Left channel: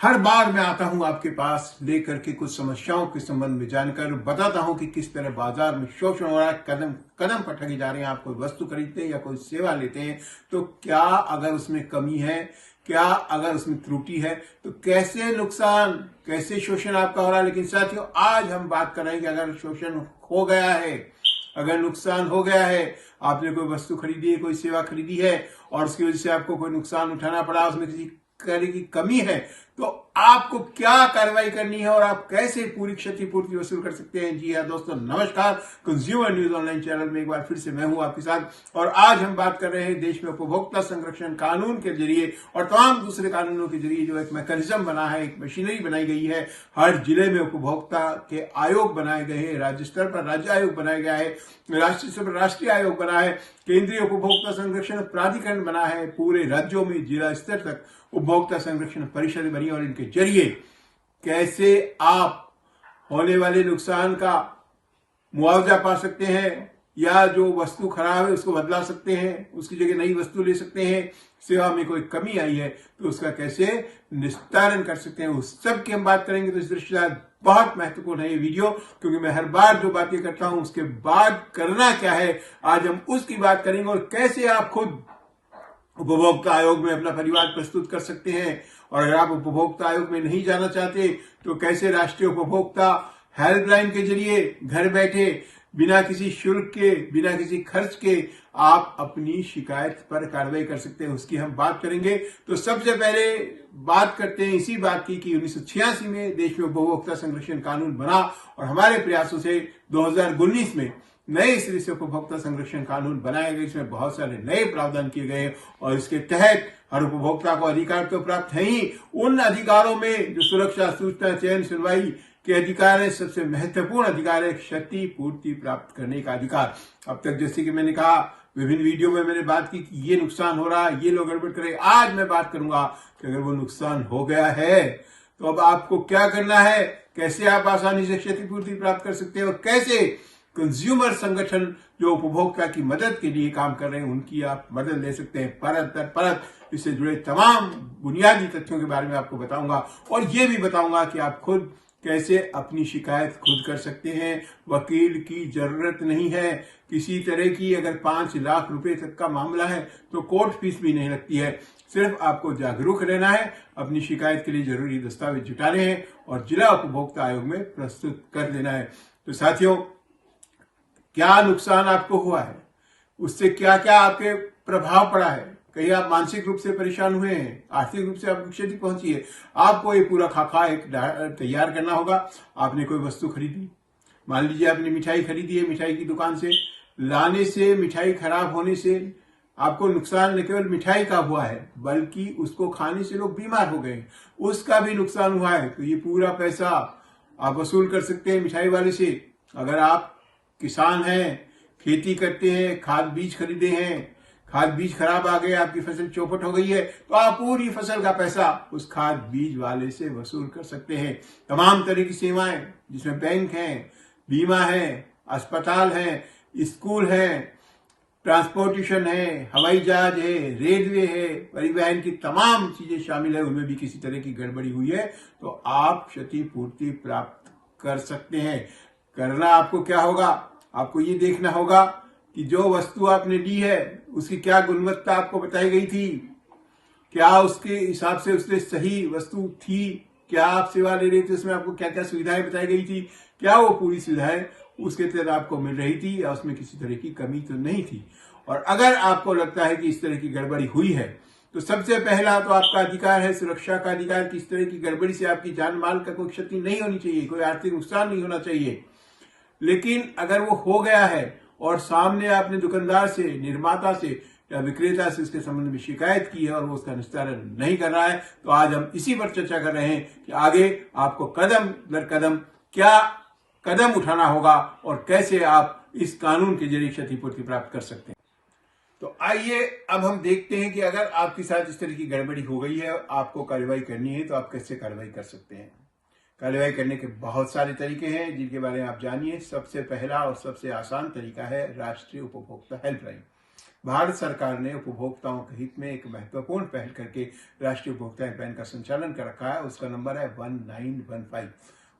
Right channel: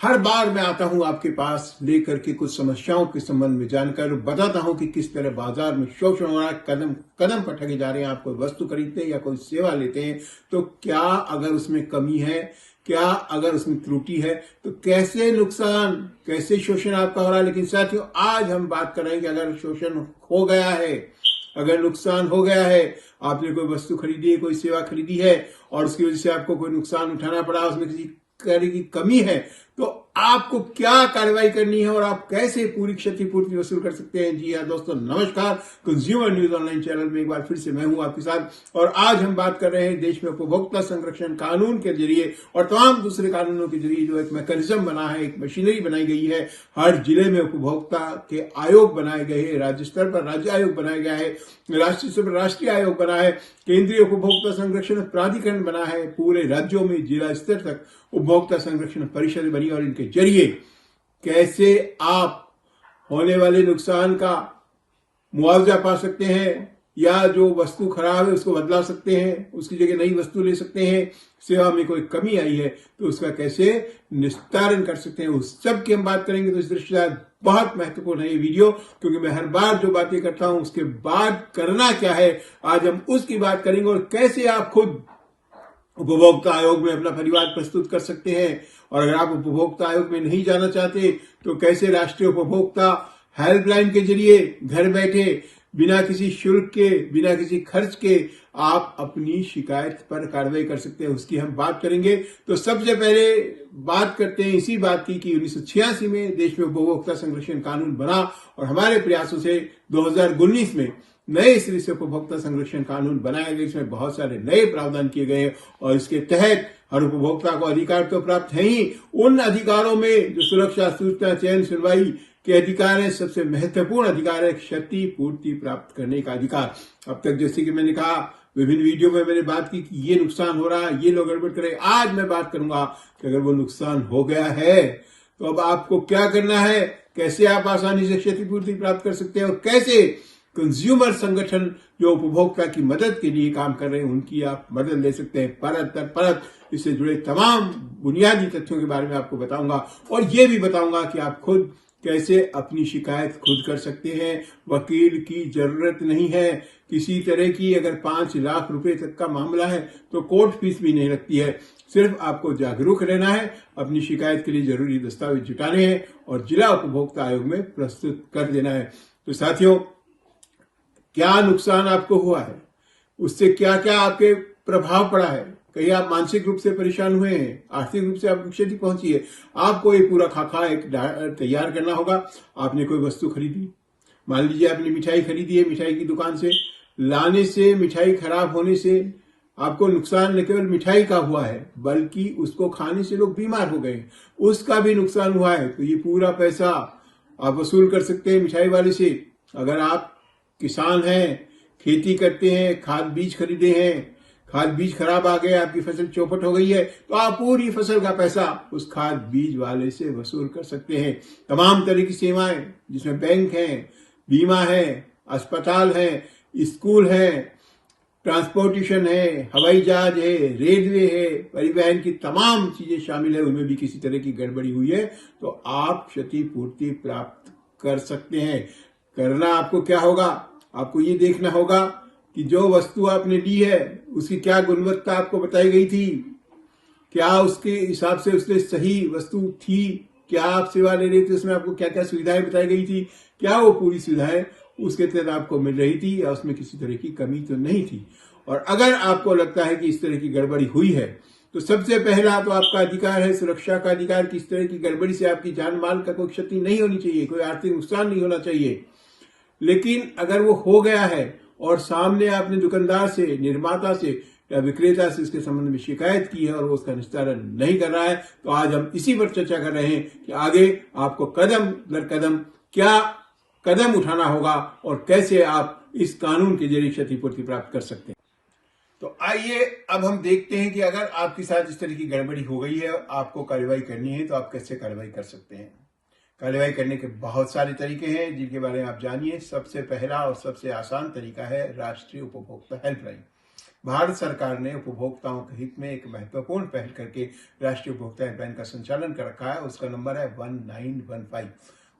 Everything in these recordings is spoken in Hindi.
हर बार मैं आता हूं आपके पास लेकर के कुछ समस्याओं के संबंध में जानकर बताता हूं कि किस तरह बाजार में शोषण हो रहा है, कदम कदम पर ठगे जा रहे हैं। आप कोई वस्तु खरीदते हैं या कोई सेवा लेते हैं तो क्या अगर उसमें कमी है, क्या अगर उसमें त्रुटि है तो कैसे नुकसान, कैसे शोषण आपका हो रहा है। लेकिन साथियों, आज हम बात कर रहे हैं कि अगर शोषण हो गया है, अगर नुकसान हो गया है, आपने कोई वस्तु खरीदी है, कोई सेवा खरीदी है और उसकी वजह से आपको कोई नुकसान उठाना पड़ा, उसमें किसी तरह की कमी है, तो आपको क्या कार्रवाई करनी है और आप कैसे पूरी क्षतिपूर्ति वसूल कर सकते हैं। जी हाँ दोस्तों, नमस्कार। कंज्यूमर न्यूज ऑनलाइन चैनल में एक बार फिर से मैं हूं आपके साथ और आज हम बात कर रहे हैं देश में उपभोक्ता संरक्षण कानून के जरिए और तमाम दूसरे कानूनों के जरिए जो एक मैकेनिज्म बना है, एक मशीनरी बनाई गई है। हर जिले में उपभोक्ता के आयोग बनाए गए हैं, राज्य स्तर पर राज्य आयोग बनाया गया है, राष्ट्रीय स्तर पर राष्ट्रीय आयोग बना है, केंद्रीय उपभोक्ता संरक्षण प्राधिकरण बना है, पूरे राज्यों में जिला स्तर तक उपभोक्ता संरक्षण परिषद बनी और इनके जरिए कैसे आप होने वाले नुकसान का मुआवजा पा सकते हैं या जो वस्तु खराब है उसको बदला सकते हैं, उसकी जगह नई वस्तु ले सकते हैं, सेवा में कोई कमी आई है तो उसका कैसे निस्तारण कर सकते हैं, उस सब की हम बात करेंगे। तो इस दृष्टि से बहुत महत्वपूर्ण है ये वीडियो, क्योंकि मैं हर बार जो बातें करता हूं उसके बाद करना क्या है, आज हम उसकी बात करेंगे और कैसे आप खुद उपभोक्ता आयोग में अपना परिवार प्रस्तुत कर सकते हैं। और अगर आप उपभोक्ता आयोग में नहीं जाना चाहते तो कैसे राष्ट्रीय उपभोक्ता हेल्पलाइन के जरिए घर बैठे बिना किसी शुल्क के, बिना किसी खर्च के आप अपनी शिकायत पर कार्रवाई कर सकते हैं, उसकी हम बात करेंगे। तो सबसे पहले बात करते हैं इसी बात की कि 1986 में देश में उपभोक्ता संरक्षण कानून बना और हमारे प्रयासों से 2019 में नए सिरे से उपभोक्ता संरक्षण कानून बनाए गए, इसमें बहुत सारे नए प्रावधान किए गए और इसके तहत हर उपभोक्ता को अधिकार तो प्राप्त है ही, उन अधिकारों में जो सुरक्षा, सूचना, चयन, सुनवाई के अधिकार है, सबसे महत्वपूर्ण अधिकार है क्षतिपूर्ति प्राप्त करने का अधिकार। अब तक जैसे कि मैंने कहा, विभिन्न वीडियो में मैंने बात की कि ये नुकसान हो रहा है, ये लोग गड़बड़ करे। आज मैं बात करूंगा कि अगर वो नुकसान हो गया है तो अब आपको क्या करना है, कैसे आप आसानी से क्षतिपूर्ति प्राप्त कर सकते हैं और कैसे कंज्यूमर संगठन जो उपभोक्ता की मदद के लिए काम कर रहे हैं उनकी आप मदद ले सकते हैं। परत दर परत इससे जुड़े तमाम बुनियादी तथ्यों के बारे में आपको बताऊंगा और ये भी बताऊंगा कि आप खुद कैसे अपनी शिकायत खुद कर सकते हैं। वकील की जरूरत नहीं है किसी तरह की। अगर 5 लाख रुपए तक का मामला है तो कोर्ट फीस भी नहीं लगती है। सिर्फ आपको जागरूक रहना है, अपनी शिकायत के लिए जरूरी दस्तावेज जुटाने हैं और जिला उपभोक्ता आयोग में प्रस्तुत कर देना है। तो साथियों, क्या नुकसान आपको हुआ है, उससे क्या क्या आपके प्रभाव पड़ा है, कहीं आप मानसिक रूप से परेशान हुए हैं, आर्थिक रूप से आपको क्षति पहुंची है, आपको ये पूरा खाका एक तैयार करना होगा। आपने कोई वस्तु खरीदी, मान लीजिए आपने मिठाई खरीदी है, मिठाई की दुकान से लाने से, मिठाई खराब होने से आपको नुकसान न केवल मिठाई का हुआ है बल्कि उसको खाने से लोग बीमार हो गए, उसका भी नुकसान हुआ है। तो ये पूरा पैसा आप वसूल कर सकते हैं मिठाई वाले से। अगर आप किसान हैं, खेती करते हैं, खाद बीज खरीदे हैं, खाद बीज खराब आ गए, आपकी फसल चौपट हो गई है, तो आप पूरी फसल का पैसा उस खाद बीज वाले से वसूल कर सकते हैं। तमाम तरह की सेवाएं जिसमें बैंक है, बीमा है, अस्पताल है, स्कूल है, ट्रांसपोर्टेशन है, हवाई जहाज है, रेलवे है, परिवहन की तमाम चीजें शामिल है, उनमें भी किसी तरह की गड़बड़ी हुई है तो आप क्षतिपूर्ति प्राप्त कर सकते हैं। करना आपको क्या होगा, आपको ये देखना होगा कि जो वस्तु आपने ली है उसकी क्या गुणवत्ता आपको बताई गई थी, क्या उसके हिसाब से उसने सही वस्तु थी, क्या आप सेवा ले रहे थे उसमें आपको क्या क्या सुविधाएं बताई गई थी, क्या वो पूरी सुविधाएं उसके तहत आपको मिल रही थी या उसमें किसी तरह की कमी तो नहीं थी। और अगर आपको लगता है कि इस तरह की गड़बड़ी हुई है तो सबसे पहला तो आपका अधिकार है सुरक्षा का अधिकार। किस तरह की गड़बड़ी से आपकी जान माल का कोई क्षति नहीं होनी चाहिए, कोई आर्थिक नुकसान नहीं होना चाहिए। लेकिन अगर वो हो गया है और सामने आपने दुकानदार से, निर्माता से या विक्रेता से इसके संबंध में शिकायत की है और वो उसका निस्तारण नहीं कर रहा है, तो आज हम इसी पर चर्चा कर रहे हैं कि आगे आपको कदम दर कदम क्या कदम उठाना होगा और कैसे आप इस कानून के जरिए क्षतिपूर्ति प्राप्त कर सकते हैं। तो आइए अब हम देखते हैं कि अगर आपके साथ इस तरह की गड़बड़ी हो गई है, आपको कार्रवाई करनी है तो आप कैसे कार्रवाई कर सकते हैं। कार्रवाई करने के बहुत सारे तरीके हैं जिनके बारे में आप जानिए। सबसे पहला और सबसे आसान तरीका है राष्ट्रीय उपभोक्ता हेल्पलाइन। भारत सरकार ने उपभोक्ताओं के हित में एक महत्वपूर्ण पहल करके राष्ट्रीय उपभोक्ता हेल्पलाइन का संचालन कर रखा है। उसका नंबर है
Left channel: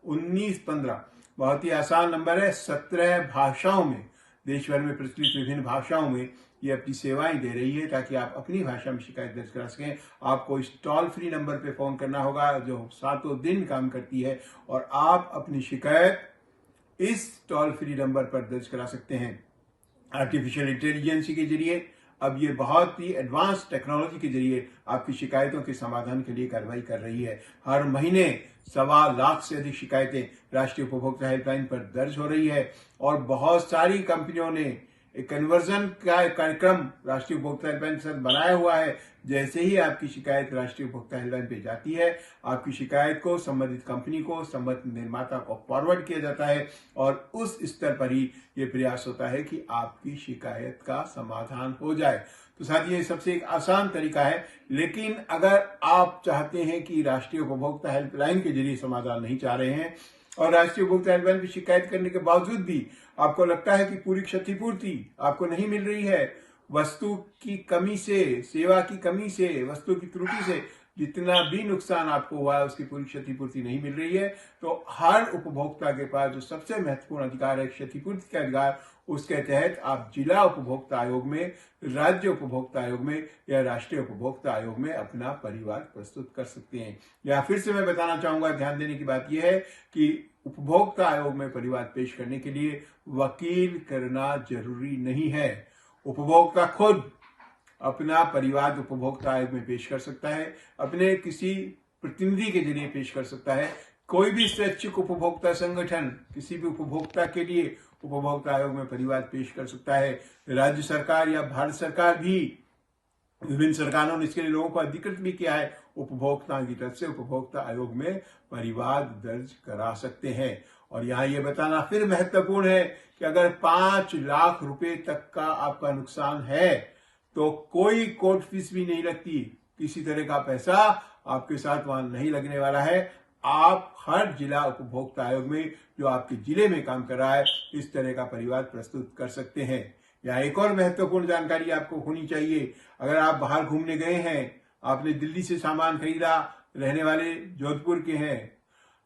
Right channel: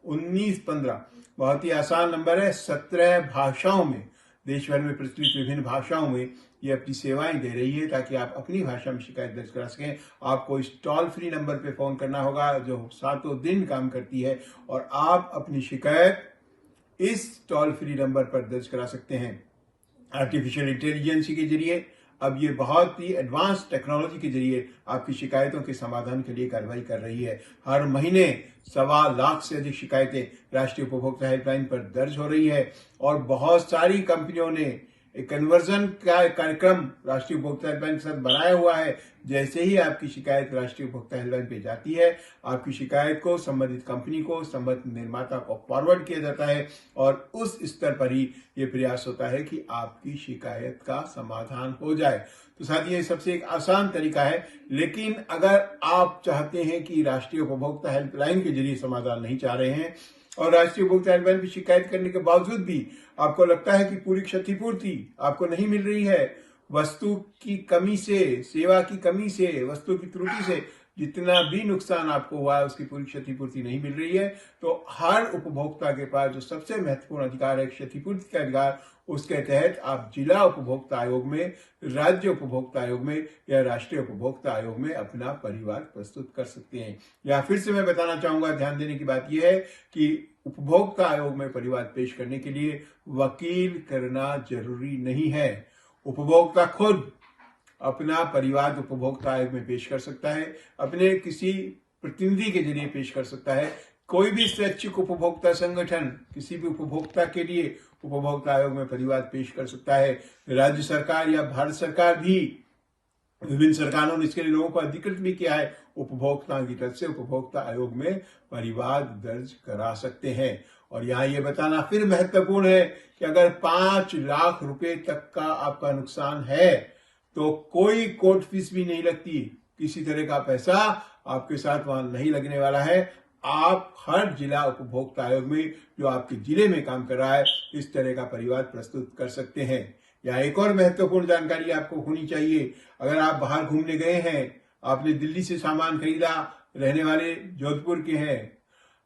1915। बहुत ही आसान नंबर है। 17 भाषाओं में, देश भर में प्रचलित विभिन्न भाषाओं में ये अपनी सेवाएं दे रही है, ताकि आप अपनी भाषा में शिकायत दर्ज करा सकें। आपको इस टोल फ्री नंबर पे फोन करना होगा जो सातों दिन काम करती है, और आप अपनी शिकायत इस टोल फ्री नंबर पर दर्ज करा सकते हैं। आर्टिफिशियल इंटेलिजेंस के जरिए, अब ये बहुत ही एडवांस टेक्नोलॉजी के जरिए आपकी शिकायतों के समाधान के लिए कार्रवाई कर रही है। हर महीने 1.25 लाख से अधिक शिकायतें राष्ट्रीय उपभोक्ता हेल्पलाइन पर दर्ज हो रही है, और बहुत सारी कंपनियों ने एक कन्वर्जन का कार्यक्रम राष्ट्रीय उपभोक्ता हेल्पलाइन के साथ बनाया हुआ है। जैसे ही आपकी शिकायत राष्ट्रीय उपभोक्ता हेल्पलाइन पे जाती है, आपकी शिकायत को संबंधित कंपनी को, संबंधित निर्माता को फॉरवर्ड किया जाता है, और उस स्तर पर ही ये प्रयास होता है कि आपकी शिकायत का समाधान हो जाए। तो साथियों, ये सबसे एक आसान तरीका है। लेकिन अगर आप चाहते हैं कि राष्ट्रीय उपभोक्ता हेल्पलाइन के जरिए समाधान नहीं चाह रहे हैं, और राष्ट्रीय उपभोक्ता हेल्पलाइन की शिकायत करने के बावजूद भी आपको लगता है कि पूरी क्षतिपूर्ति आपको नहीं मिल रही है, वस्तु की कमी से, सेवा की कमी से, वस्तु की त्रुटि से जितना भी नुकसान आपको हुआ है उसकी पूरी क्षतिपूर्ति नहीं मिल रही है, तो हर उपभोक्ता के पास जो सबसे महत्वपूर्ण अधिकार है क्षतिपूर्ति का अधिकार, उसके तहत आप जिला उपभोक्ता आयोग में, राज्य उपभोक्ता आयोग में या राष्ट्रीय उपभोक्ता आयोग में अपना परिवाद प्रस्तुत कर सकते हैं। या फिर से मैं बताना चाहूंगा, ध्यान देने की बात यह है कि उपभोक्ता आयोग में परिवाद पेश करने के लिए वकील करना जरूरी नहीं है। उपभोक्ता खुद अपना परिवाद उपभोक्ता आयोग में पेश कर सकता है, अपने किसी प्रतिनिधि के जरिए पेश कर सकता है। कोई भी स्वैच्छिक उपभोक्ता संगठन किसी भी उपभोक्ता के लिए उपभोक्ता आयोग में परिवाद पेश कर सकता है। राज्य सरकार या भारत सरकार भी, विभिन्न सरकारों ने इसके लिए लोगों को अधिकृत भी किया है, उपभोक्ताओं की तरफ से उपभोक्ता आयोग में परिवाद दर्ज करा सकते हैं। और यहाँ ये बताना फिर महत्वपूर्ण है कि अगर 5 लाख रुपए तक का आपका नुकसान है तो कोई कोर्ट फीस भी नहीं लगती, किसी तरह का पैसा आपके साथ वहां नहीं लगने वाला है। आप हर जिला उपभोक्ता आयोग में जो आपके जिले में काम कर रहा है, इस तरह का परिवाद प्रस्तुत कर सकते हैं। या एक और महत्वपूर्ण जानकारी आपको होनी चाहिए, अगर आप बाहर घूमने गए हैं, आपने दिल्ली से सामान खरीदा, रहने वाले जोधपुर के हैं,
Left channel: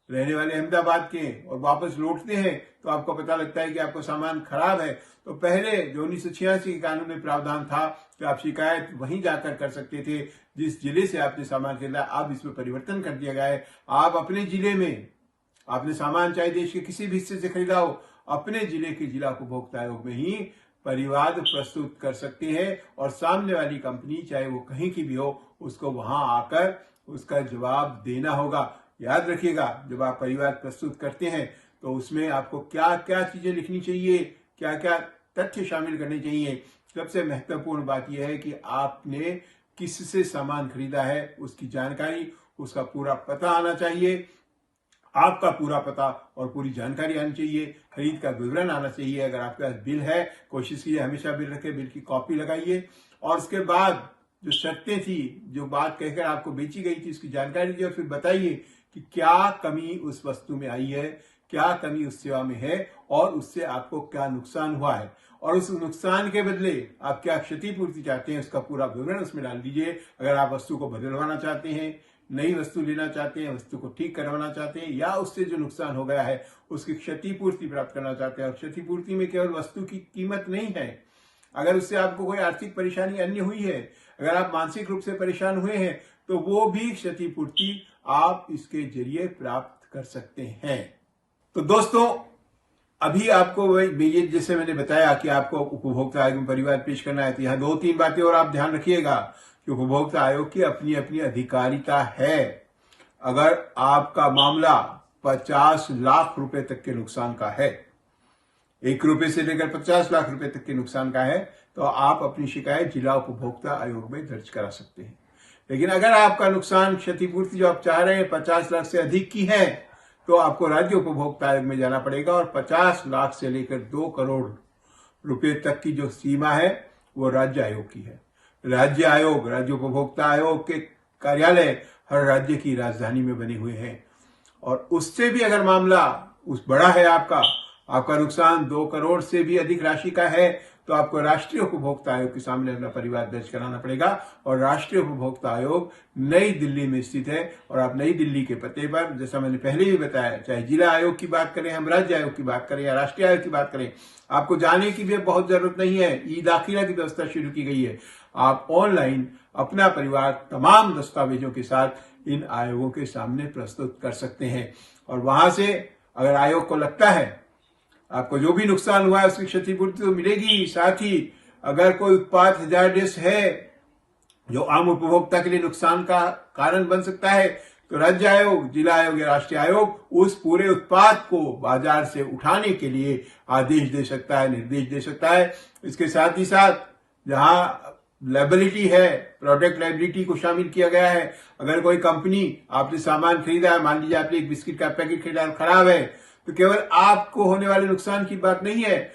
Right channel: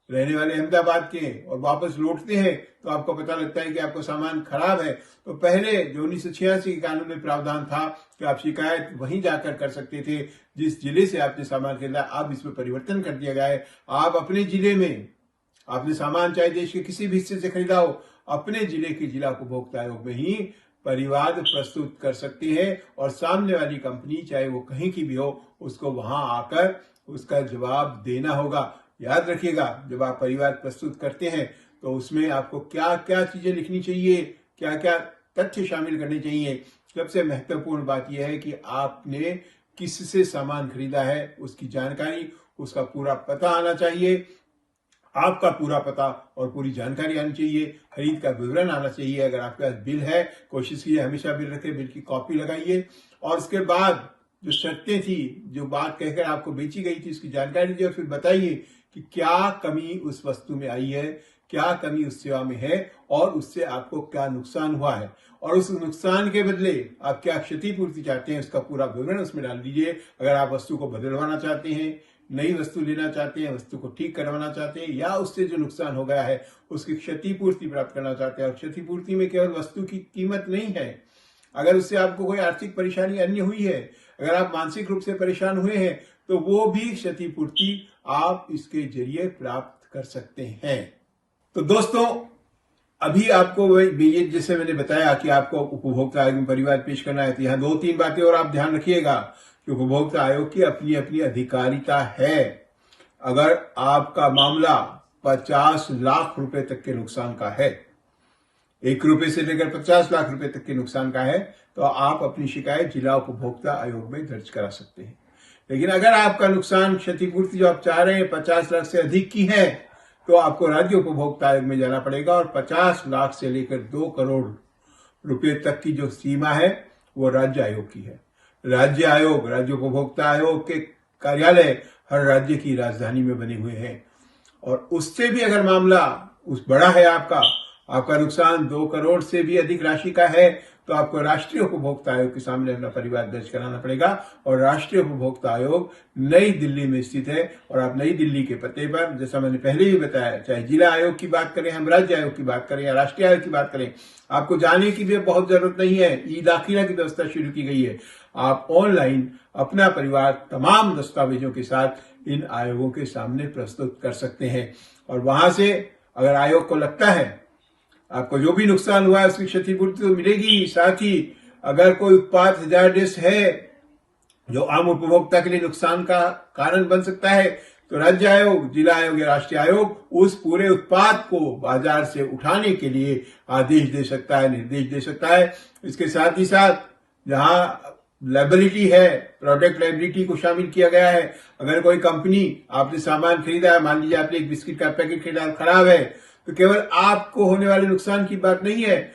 रहने वाले अहमदाबाद के हैं, और वापस लौटते हैं तो आपको पता लगता है कि आपका सामान खराब है, तो पहले जो 1986 के कानून में प्रावधान था कि आप शिकायत वहीं जाकर कर सकते थे जिस जिले से आपने सामान खरीदा। अब इसमें परिवर्तन कर दिया गया है। आप अपने जिले में, आपने सामान चाहे देश के किसी भी हिस्से से खरीदा हो, अपने जिले के जिला उपभोक्ता आयोग में ही परिवाद प्रस्तुत कर सकते हैं, और सामने वाली कंपनी चाहे वो कहीं की भी हो, उसको वहां आकर उसका जवाब देना होगा। याद रखिएगा, जब आप परिवाद प्रस्तुत करते हैं तो उसमें आपको क्या क्या चीजें लिखनी चाहिए, क्या क्या तथ्य शामिल करने चाहिए। सबसे महत्वपूर्ण बात यह है कि आपने किससे सामान खरीदा है, उसकी जानकारी, उसका पूरा पता आना चाहिए, आपका पूरा पता और पूरी जानकारी आनी चाहिए, खरीद का विवरण आना चाहिए। अगर आपके पास बिल है, कोशिश कीजिए हमेशा बिल रखें, बिल की कॉपी लगाइए, और उसके बाद जो शर्तें थी, जो बात कहकर आपको बेची गई थी, उसकी जानकारी दीजिए, और फिर बताइए कि क्या कमी उस वस्तु में आई है, क्या कमी उस सेवा में है, और उससे आपको क्या नुकसान हुआ है, और उस नुकसान के बदले आप क्या क्षतिपूर्ति चाहते हैं, उसका पूरा विवरण उसमें डाल दीजिए। अगर आप वस्तु को बदलवाना चाहते हैं, नई वस्तु लेना चाहते हैं, वस्तु को ठीक करवाना चाहते हैं, या उससे जो नुकसान हो गया है उसकी क्षतिपूर्ति प्राप्त करना चाहते हैं। और क्षतिपूर्ति में केवल वस्तु की कीमत नहीं है, अगर उससे आपको कोई आर्थिक परेशानी अन्य हुई है, अगर आप मानसिक रूप से परेशान हुए हैं, तो वो भी क्षतिपूर्ति आप इसके जरिए प्राप्त कर सकते हैं। तो दोस्तों, अभी आपको ये जैसे मैंने बताया कि आपको उपभोक्ता आयोग में परिवाद पेश करना है, तो यहाँ 2-3 बातें और आप ध्यान रखिएगा कि उपभोक्ता आयोग की अपनी अपनी अधिकारिता है। अगर आपका मामला 50 लाख रुपए तक के नुकसान का है, 1 रुपए से लेकर 50 लाख रुपए तक के नुकसान का है, तो आप अपनी शिकायत जिला उपभोक्ता आयोग में दर्ज करा सकते हैं। लेकिन अगर आपका नुकसान, क्षतिपूर्ति जो आप चाह रहे हैं 50 लाख से अधिक की है, तो आपको राज्य उपभोक्ता आयोग में जाना पड़ेगा, और 50 लाख से लेकर 2 करोड़ रुपए तक की जो सीमा है वो राज्य आयोग की है। राज्य आयोग, राज्य उपभोक्ता आयोग के कार्यालय हर राज्य की राजधानी में बने हुए हैं, और उससे भी अगर मामला उस बड़ा है, आपका नुकसान 2 करोड़ से भी अधिक राशि का है, तो आपको राष्ट्रीय उपभोक्ता आयोग के सामने अपना परिवार दर्ज कराना पड़ेगा। और राष्ट्रीय उपभोक्ता आयोग नई दिल्ली में स्थित है और आप नई दिल्ली के पते पर, जैसा मैंने पहले ही बताया, चाहे जिला आयोग की बात करें, हम राज्य आयोग की बात करें या राष्ट्रीय आयोग की बात करें, आपको जाने की भी बहुत जरूरत नहीं है। ई दाखिला की व्यवस्था शुरू की गई है। आप ऑनलाइन अपना परिवार तमाम दस्तावेजों के साथ इन आयोगों के सामने प्रस्तुत कर सकते हैं। और वहां से अगर आयोग को लगता है आपको जो भी नुकसान हुआ है उसकी क्षतिपूर्ति तो मिलेगी, साथ ही अगर कोई उत्पाद हजारडेस है जो आम उपभोक्ता के लिए नुकसान का कारण बन सकता है, तो राज्य आयोग, जिला आयोग या राष्ट्रीय आयोग उस पूरे उत्पाद को बाजार से उठाने के लिए आदेश दे सकता है, निर्देश दे सकता है। इसके साथ ही साथ जहां लायबिलिटी है, प्रोडक्ट लायबिलिटी को शामिल किया गया है। अगर कोई कंपनी, आपने सामान खरीदा है, मान लीजिए आपने एक बिस्किट का पैकेट खरीदा खराब है, तो केवल आपको होने वाले नुकसान की बात नहीं है,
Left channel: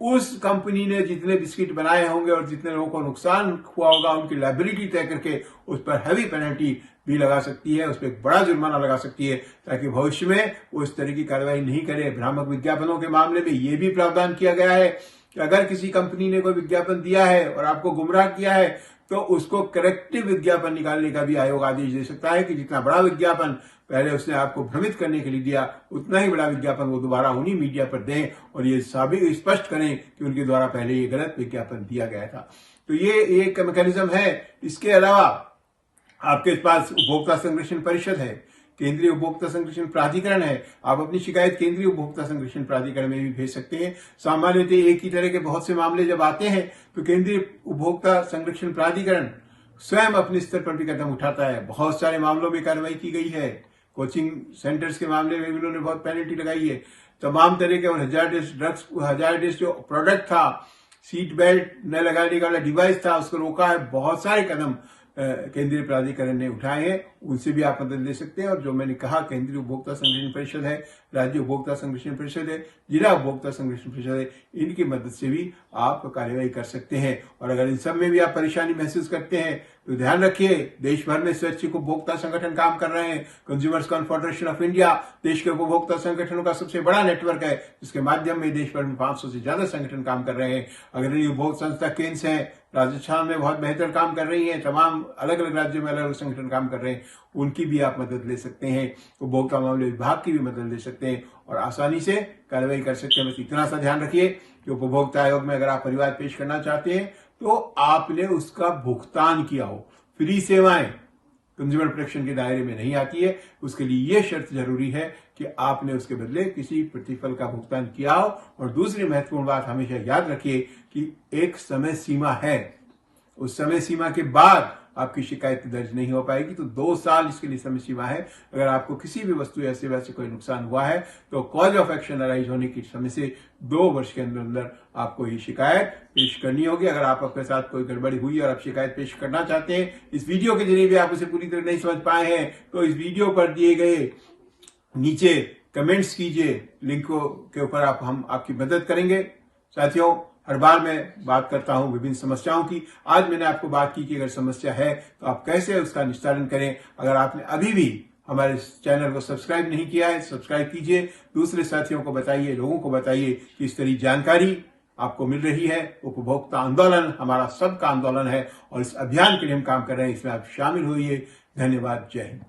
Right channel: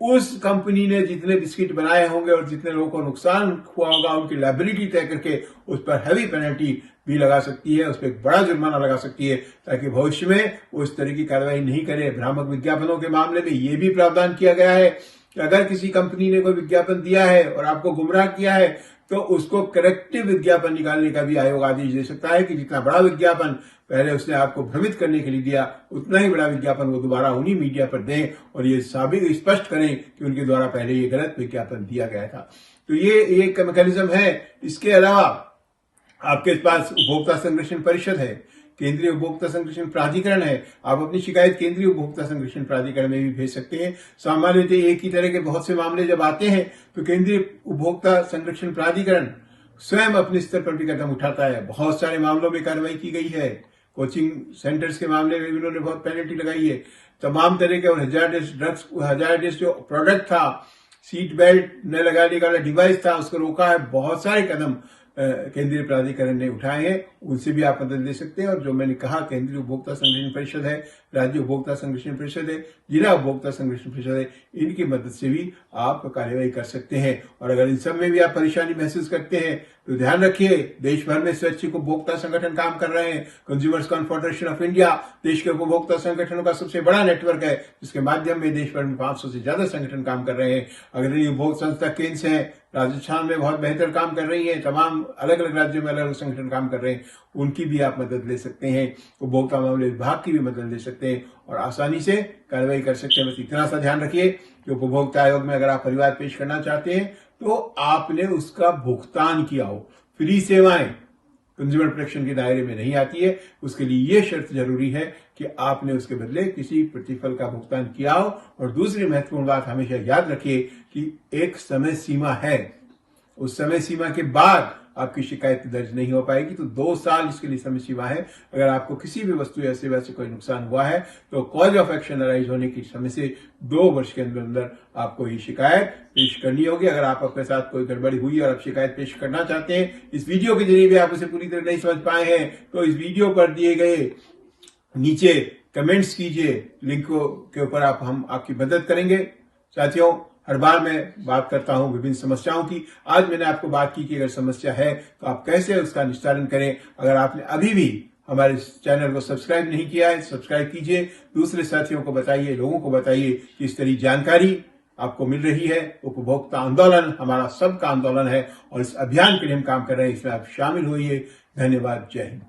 उस कंपनी ने जितने बिस्किट बनाए होंगे और जितने लोगों को नुकसान हुआ होगा उनकी लायबिलिटी तय करके उस पर हैवी पेनल्टी भी लगा सकती है, उस पर एक बड़ा जुर्माना लगा सकती है, ताकि भविष्य में वो इस तरह की कार्रवाई नहीं करे। भ्रामक विज्ञापनों के मामले में ये भी प्रावधान किया गया है कि अगर किसी कंपनी ने कोई विज्ञापन दिया है और आपको गुमराह किया है, तो उसको करेक्टिव विज्ञापन निकालने का भी आयोग आदेश दे सकता है कि जितना बड़ा विज्ञापन पहले उसने आपको भ्रमित करने के लिए दिया, उतना ही बड़ा विज्ञापन वो दोबारा उन्हीं मीडिया पर दें और ये स्पष्ट करें कि उनके द्वारा पहले ये गलत विज्ञापन दिया गया था। तो ये एक मैकेनिज्म है। इसके अलावा आपके पास उपभोक्ता संरक्षण परिषद है, केंद्रीय उपभोक्ता संरक्षण प्राधिकरण है। आप अपनी शिकायत केंद्रीय उपभोक्ता संरक्षण प्राधिकरण में भी भेज सकते हैं। सामान्यतः एक ही तरह के बहुत से मामले जब आते हैं तो केंद्रीय उपभोक्ता संरक्षण प्राधिकरण स्वयं अपने स्तर पर भी कदम उठाता है। बहुत सारे मामलों में कार्रवाई की गई है। कोचिंग सेंटर्स के मामले में उन्होंने बहुत पेनल्टी लगाई है। तमाम तरह के और हजारडेस जो प्रोडक्ट था, सीट बेल्ट न लगाने वाला डिवाइस था, उसको रोका है। बहुत सारे कदम केंद्रीय प्राधिकरण ने उठाए हैं, उनसे भी आप मदद ले सकते हैं। और जो मैंने कहा, केंद्रीय उपभोक्ता संरक्षण परिषद है, राज्य उपभोक्ता संरक्षण परिषद है, जिला उपभोक्ता संरक्षण परिषद है, इनकी मदद से भी आप कार्यवाही कर सकते हैं। और अगर इन सब में भी आप परेशानी महसूस करते हैं तो ध्यान रखिए, देश भर में स्वैच्छिक उपभोक्ता संगठन काम कर रहे हैं। कंज्यूमर्स कॉन्फेडरेशन ऑफ इंडिया देश के उपभोक्ता संगठनों का सबसे बड़ा नेटवर्क है, जिसके माध्यम में देश भर में 500 से ज्यादा संगठन काम कर रहे हैं। अगर ये उपभोक्ता संस्था केंद्र है, राजस्थान में बहुत बेहतर काम कर रही है, तमाम अलग अलग राज्यों में अलग अलग संगठन काम कर रहे हैं, उनकी भी आप मदद ले सकते हैं। उपभोक्ता मामले विभाग की भी मदद ले सकते हैं और आसानी से कार्रवाई कर सकते हैं। बस इतना सा ध्यान रखिए कि उपभोक्ता आयोग में अगर आप परिवार पेश करना चाहते हैं तो आपने उसका भुगतान किया हो। फ्री सेवाएं कंज्यूमर प्रोटेक्शन के दायरे में नहीं आती है। उसके लिए यह शर्त जरूरी है कि आपने उसके बदले किसी प्रतिफल का भुगतान किया हो। और दूसरी महत्वपूर्ण बात हमेशा याद रखिए कि एक समय सीमा है, उस समय सीमा के बाद आपकी शिकायत दर्ज नहीं हो पाएगी। तो 2 साल इसके लिए समय सीमा है। अगर आपको किसी भी वस्तु या सेवा से कोई नुकसान हुआ है तो कॉज ऑफ एक्शन अराइज होने के समय से 2 वर्ष के अंदर अंदर आपको ये शिकायत पेश करनी होगी। अगर आपके साथ कोई गड़बड़ी हुई और आप शिकायत पेश करना चाहते हैं, इस वीडियो के जरिए भी आप उसे पूरी तरह नहीं समझ पाए हैं, तो इस वीडियो पर दिए गए नीचे कमेंट्स कीजिए, लिंक के ऊपर हम आपकी मदद करेंगे। साथियों, हर बार मैं बात करता हूं विभिन्न समस्याओं की। आज मैंने आपको बात की कि अगर समस्या है तो आप कैसे उसका निस्तारण करें। अगर आपने अभी भी हमारे चैनल को सब्सक्राइब नहीं किया है, सब्सक्राइब कीजिए, दूसरे साथियों को बताइए, लोगों को बताइए कि इस तरह जानकारी आपको मिल रही है। उपभोक्ता आंदोलन हमारा सबका आंदोलन है और इस अभियान के लिए हम काम कर रहे हैं। इसमें आप शामिल होइए। धन्यवाद। जय हिंद।